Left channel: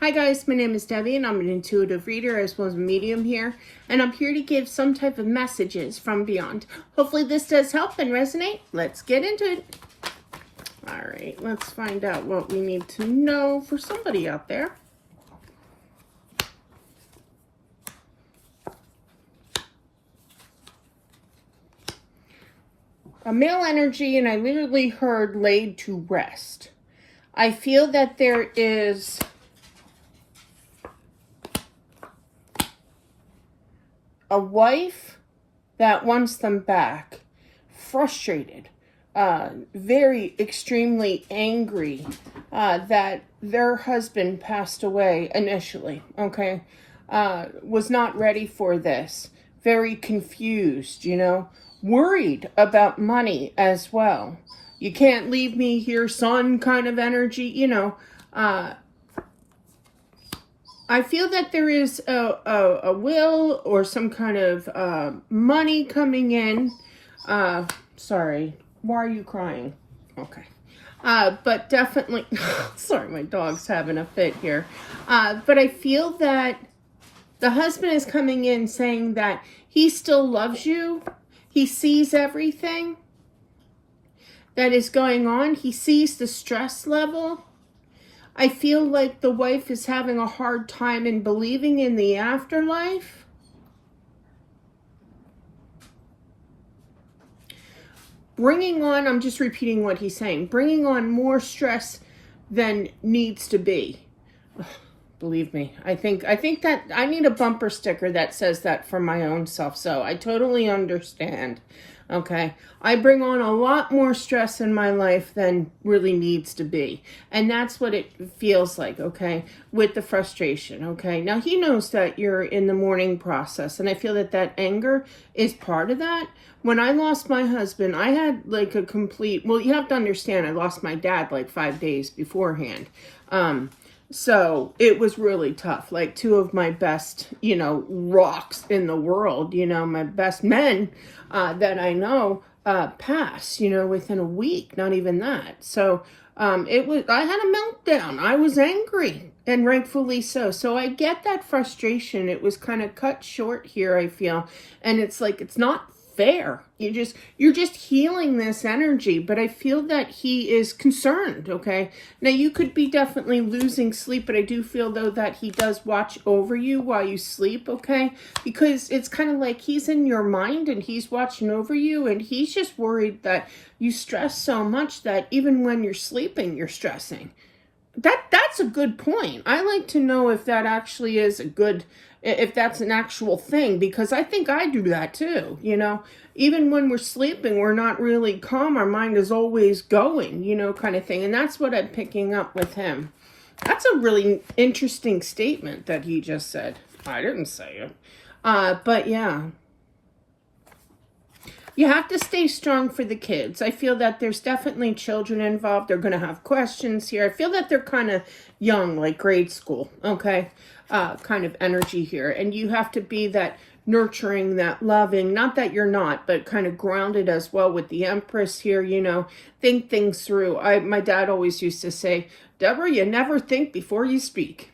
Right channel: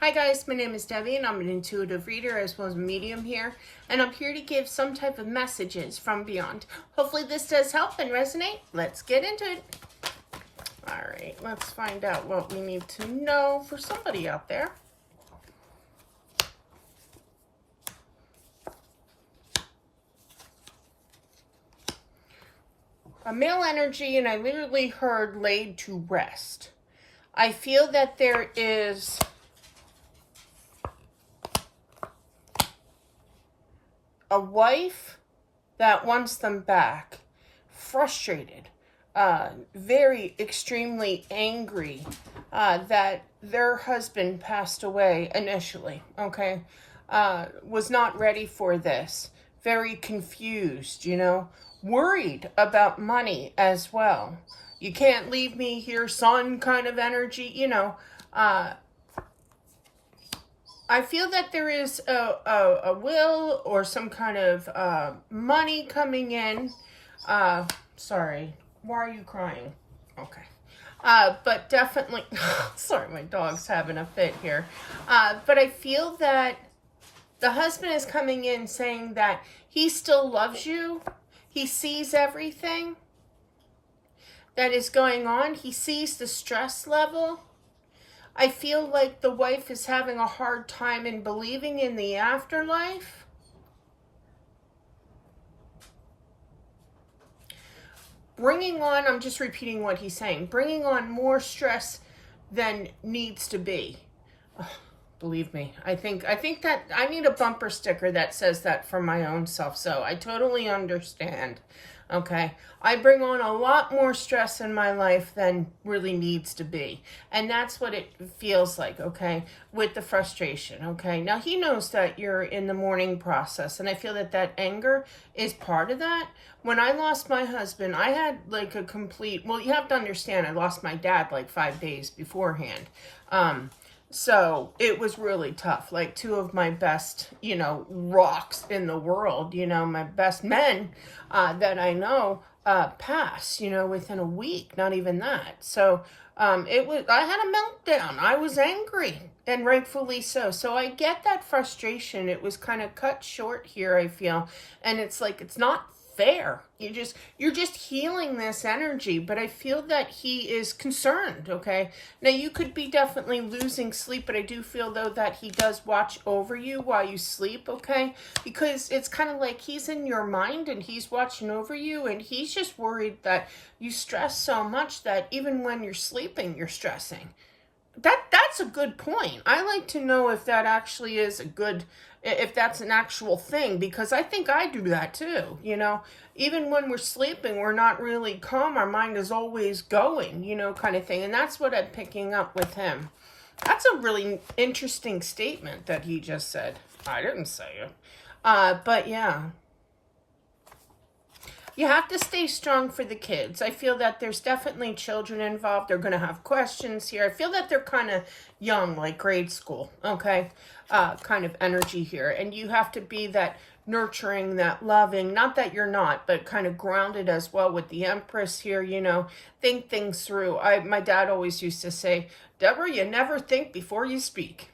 Hi guys, my name is Debbie and I'm an intuitive reader as well as a medium here, and I'm here to give some type of messages from beyond. Hopefully this does help and resonate. Let's get into it. All right, let's find out what we need to know for somebody out there. A male energy, and I literally heard laid to rest. I feel that there is a wife that wants them back, frustrated, very extremely angry that their husband passed away initially, okay? Was not ready for this, very confused, worried about money as well. You can't leave me here, son, kind of energy, I feel that there is a will or some kind of money coming in. Sorry, why are you crying? Okay. But definitely, sorry, my dog's having a fit here. But I feel that the husband is coming in saying that he still loves you. He sees everything that is going on. He sees the stress level. I feel like the wife is having a hard time in believing in the afterlife. Bringing on, I'm just repeating what he's saying, bringing on more stress than needs to be. Believe me, I think that I need a bumper sticker that says that for my own self. So I totally understand. Okay, I bring on a lot more stress in my life than really needs to be. And that's what it feels like, okay, with the frustration, okay? Now, he knows that you're in the mourning process, and I feel that that anger is part of that. When I lost my husband, I had like a complete, well, you have to understand, I lost my dad like 5 days beforehand. So it was really tough. Like two of my best, rocks in the world, my best men that I know passed, within a week, not even that. So I had a meltdown. I was angry, and rightfully so. So I get that frustration. It was kind of cut short here, I feel. And it's like, it's not fair. You're just healing this energy, but I feel that he is concerned, okay? Now you could be definitely losing sleep, but I do feel though that he does watch over you while you sleep, okay? Because it's kind of like he's in your mind and he's watching over you, and he's just worried that you stress so much that even when you're sleeping, you're stressing. That's a good point. I like to know if that actually is if that's an actual thing, because I think I do that too, Even when we're sleeping, we're not really calm. Our mind is always going, kind of thing. And that's what I'm picking up with him. That's a really interesting statement that he just said. I didn't say it. But yeah. You have to stay strong for the kids. I feel that there's definitely children involved. They're going to have questions here. I feel that they're kind of young, like grade school, okay? Kind of energy here. And you have to be that nurturing, that loving, not that you're not, but kind of grounded as well with the Empress here, think things through. My dad always used to say, Deborah, you never think before you speak.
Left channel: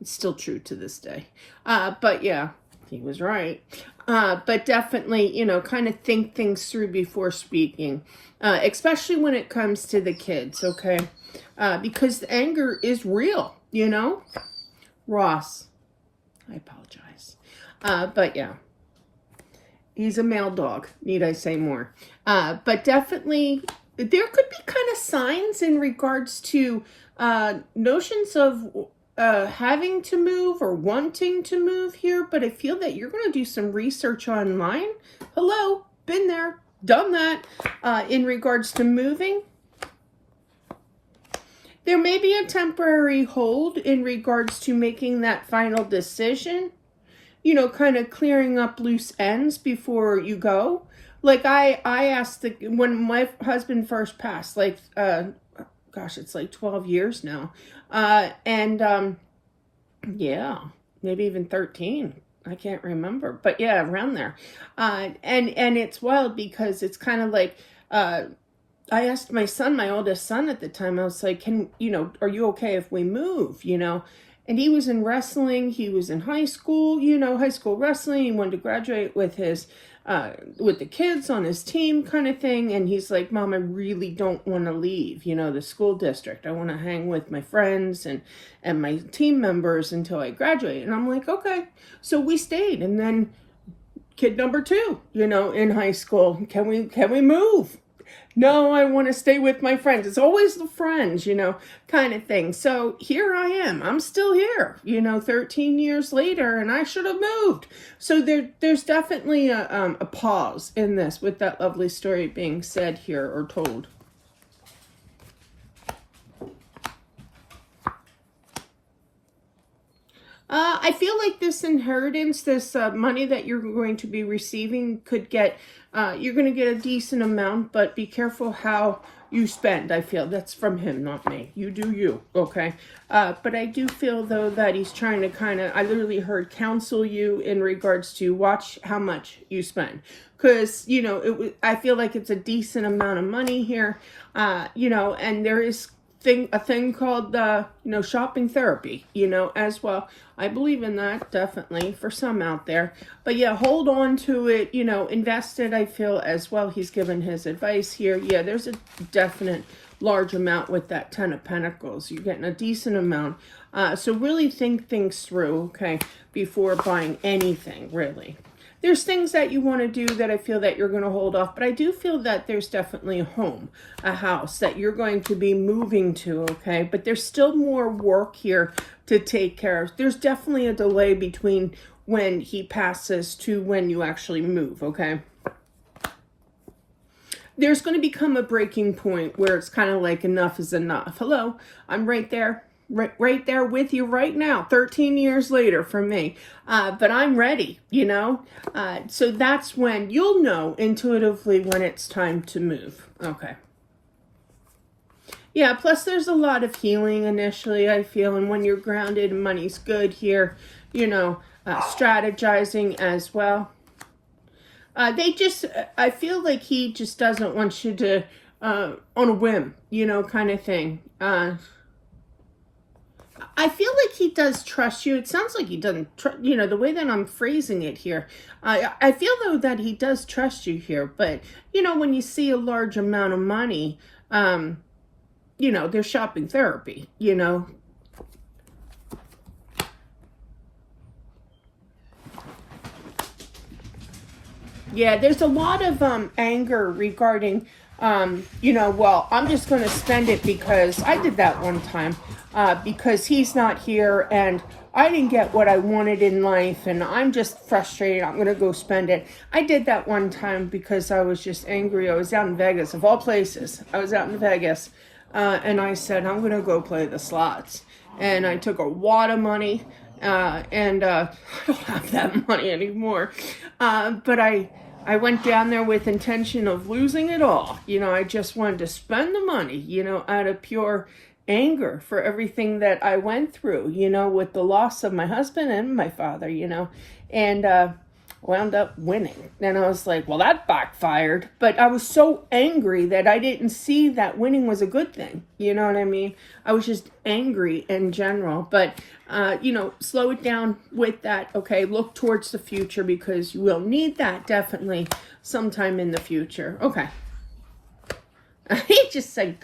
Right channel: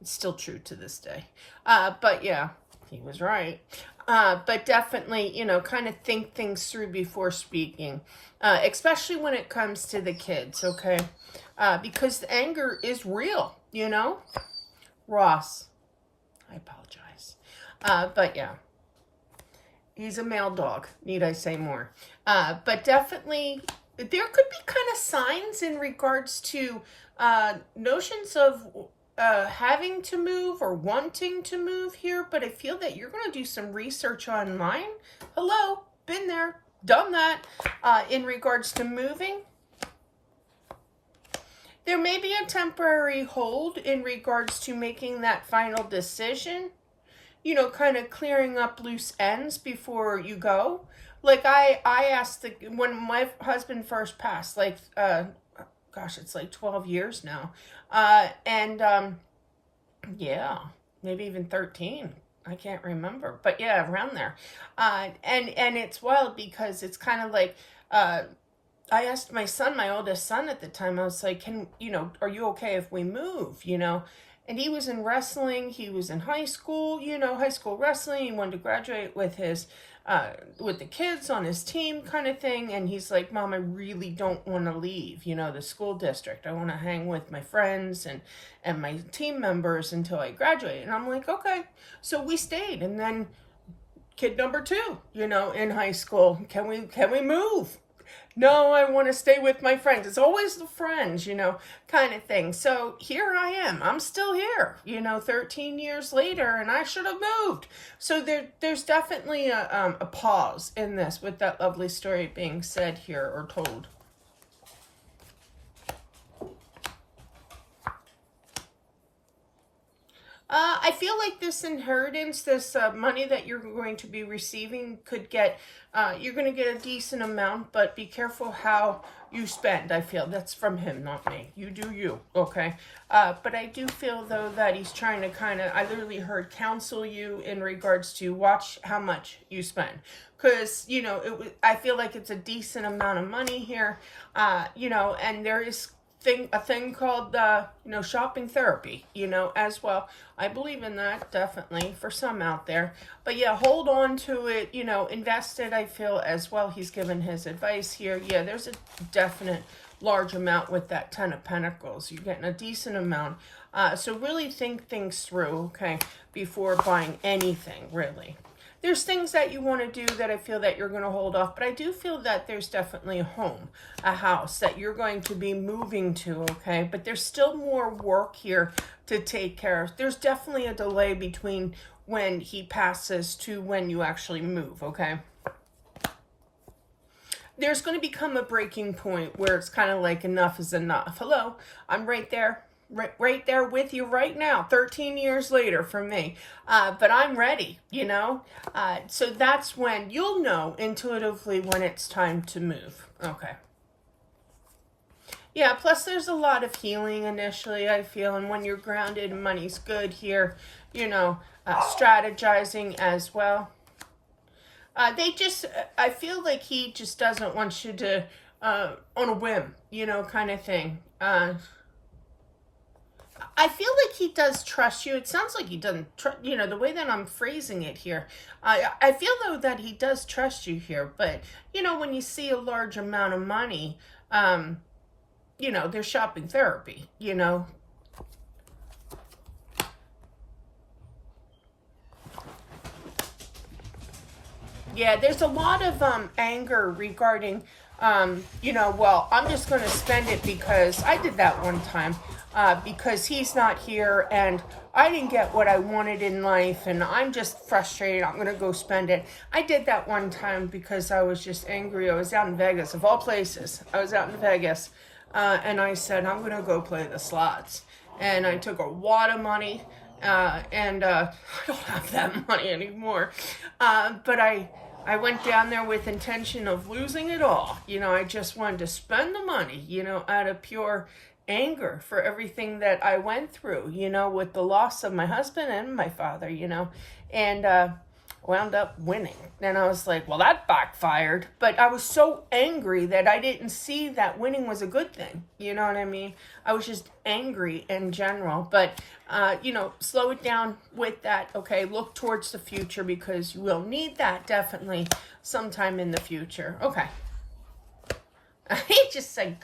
It's still true to this day. But yeah, he was right. But definitely, kind of think things through before speaking, especially when it comes to the kids, okay? Because the anger is real, Ross, I apologize. But yeah, he's a male dog. Need I say more? But definitely, there could be kind of signs in regards to notions of having to move or wanting to move here, but I feel that you're going to do some research online. Hello, been there, done that, in regards to moving. There may be a temporary hold in regards to making that final decision, kind of clearing up loose ends before you go. Like I asked when my husband first passed, like, gosh, it's like 12 years now. Yeah, maybe even 13. I can't remember, but yeah, around there. And it's wild because it's kind of like, I asked my son, my oldest son at the time, I was like, are you okay if we move, And he was in wrestling. He was in high school, high school wrestling. He wanted to graduate with with the kids on his team kind of thing. And he's like, Mom, I really don't want to leave, the school district. I want to hang with my friends and my team members until I graduate. And I'm like, okay. So we stayed. And then kid number 2, in high school, can we move? No, I want to stay with my friends. It's always the friends, kind of thing. So here I am. I'm still here, 13 years later, and I should have moved. So there's definitely a pause in this with that lovely story being said here or told. I feel like this inheritance, this money that you're going to be receiving could get, you're going to get a decent amount, but be careful how you spend. I feel that's from him, not me. You do you, okay? But I do feel, though, that he's trying to I literally heard counsel you in regards to watch how much you spend. Because, I feel like it's a decent amount of money here, and there is a thing called shopping therapy, as well. I believe in that, definitely, for some out there. But yeah, hold on to it, invest it, I feel, as well. He's given his advice here. Yeah, there's a definite large amount with that 10 of Pentacles. You're getting a decent amount. So really think things through, okay, before buying anything, really. There's things that you want to do that I feel that you're going to hold off, but I do feel that there's definitely a home, a house that you're going to be moving to, okay? But there's still more work here to take care of. There's definitely a delay between when he passes to when you actually move, okay? There's going to become a breaking point where it's kind of like enough is enough. Hello, I'm right there. Right there with you right now, 13 years later from me. But I'm ready, So that's when you'll know intuitively when it's time to move. Okay. Yeah, plus there's a lot of healing initially, I feel. And when you're grounded, money's good here, strategizing as well. I feel like he just doesn't want you to, on a whim, kind of thing. I feel like he does trust you. It sounds like he doesn't, the way that I'm phrasing it here. I feel, though, that he does trust you here. But, when you see a large amount of money, there's shopping therapy, Yeah, there's a lot of anger regarding, well, I'm just going to spend it because I did that one time. Because he's not here and I didn't get what I wanted in life and I'm just frustrated. I'm going to go spend it. I did that one time because I was just angry. I was out in Vegas, of all places. I was out in Vegas and I said, I'm going to go play the slots. And I took a wad of money and I don't have that money anymore. But I went down there with intention of losing it all. I just wanted to spend the money, out of pure anger for everything that I went through, with the loss of my husband and my father, and wound up winning. And I was like, well, that backfired. But I was so angry that I didn't see that winning was a good thing. You know what I mean? I was just angry in general. But, slow it down with that. Okay, look towards the future because you will need that definitely sometime in the future. Okay. He just said,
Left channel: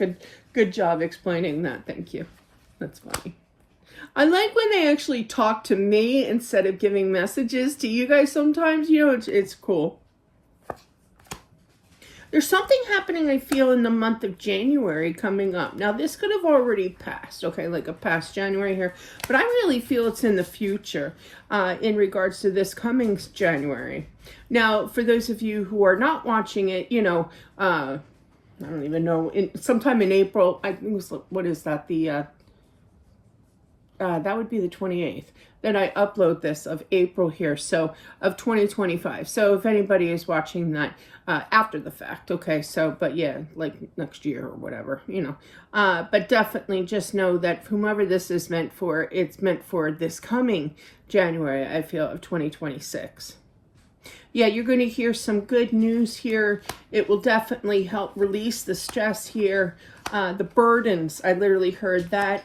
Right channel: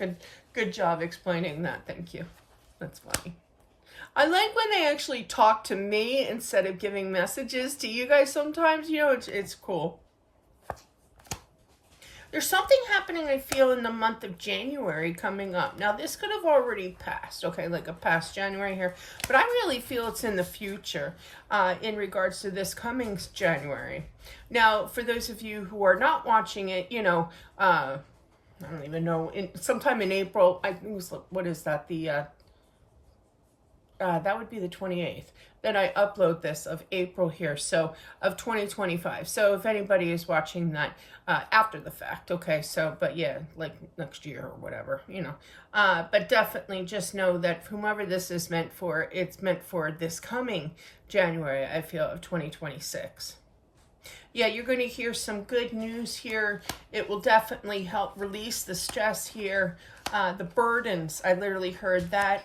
good job explaining that. Thank you. That's funny. I like when they actually talk to me instead of giving messages to you guys sometimes. It's cool. There's something happening, I feel, in the month of January coming up. Now, this could have already passed, okay, like a past January here. But I really feel it's in the future in regards to this coming January. Now, for those of you who are not watching it, I don't even know, sometime in April, I think it was, what is that, that would be the 28th, then I upload this of April here, so, of 2025, so if anybody is watching that after the fact, okay, so, but yeah, like next year or whatever, but definitely just know that whomever this is meant for, it's meant for this coming January, I feel, of 2026. Yeah, you're going to hear some good news here. It will definitely help release the stress here. The burdens, I literally heard that.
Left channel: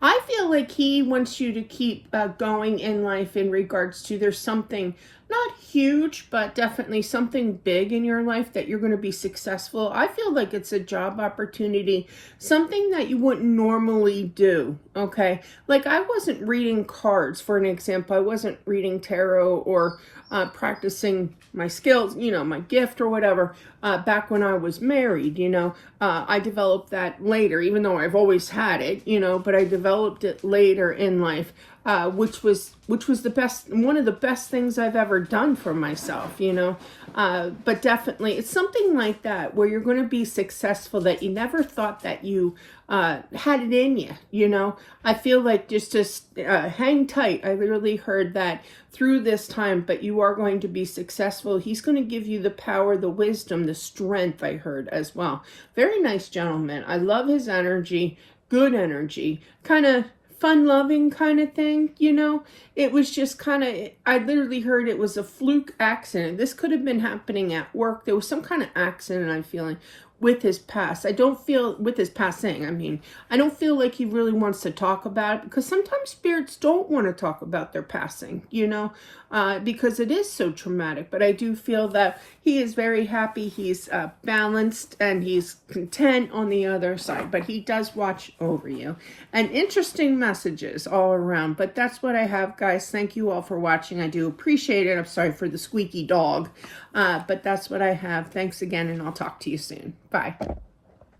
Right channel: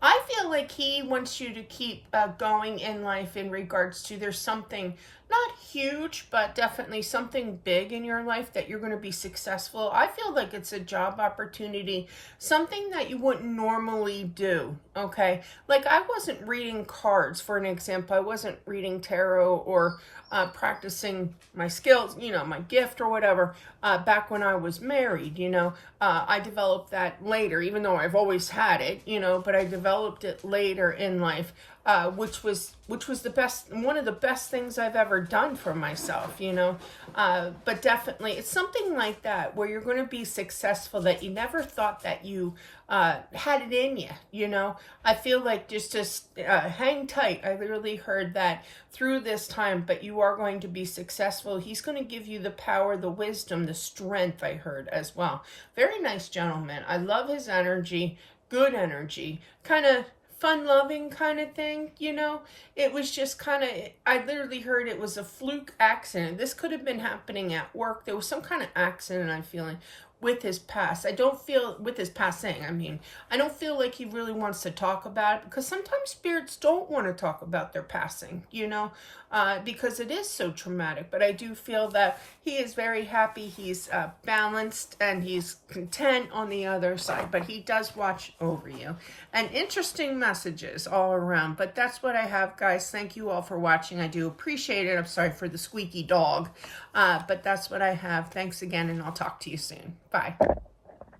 I feel like he wants you to keep going in life in regards to there's something not huge, but definitely something big in your life that you're going to be successful. I feel like it's a job opportunity, something that you wouldn't normally do. Okay. Like I wasn't reading cards, for an example. I wasn't reading tarot or practicing my skills, you know, my gift or whatever, back when I was married, you know. I developed that later, even though I've always had it, you know, but I developed it later in life, which was the best, one of the best things I've ever done for myself, you know. But definitely it's something like that where you're going to be successful that you never thought that you had it in you, you know. I feel like just hang tight. I literally heard that through this time, but you are going to be successful. He's going to give you the power, the wisdom, the strength, I heard as well. Very nice gentleman. I love his energy, good energy, kind of fun-loving kind of thing, you know. It was just kind of, I literally heard it was a fluke accident. This could have been happening at work. There was some kind of accident, I'm feeling, with his past. I don't feel, with his passing, I mean, I don't feel like he really wants to talk about it, because sometimes spirits don't want to talk about their passing, you know, because it is so traumatic. But I do feel that he is very happy, he's balanced, and he's content on the other side, but he does watch over you. And interesting messages all around. But that's what I have, guys. Thank you all for watching. I do appreciate it. I'm sorry for the squeaky dog. But that's what I have. Thanks again, and I'll talk to you soon. Bye.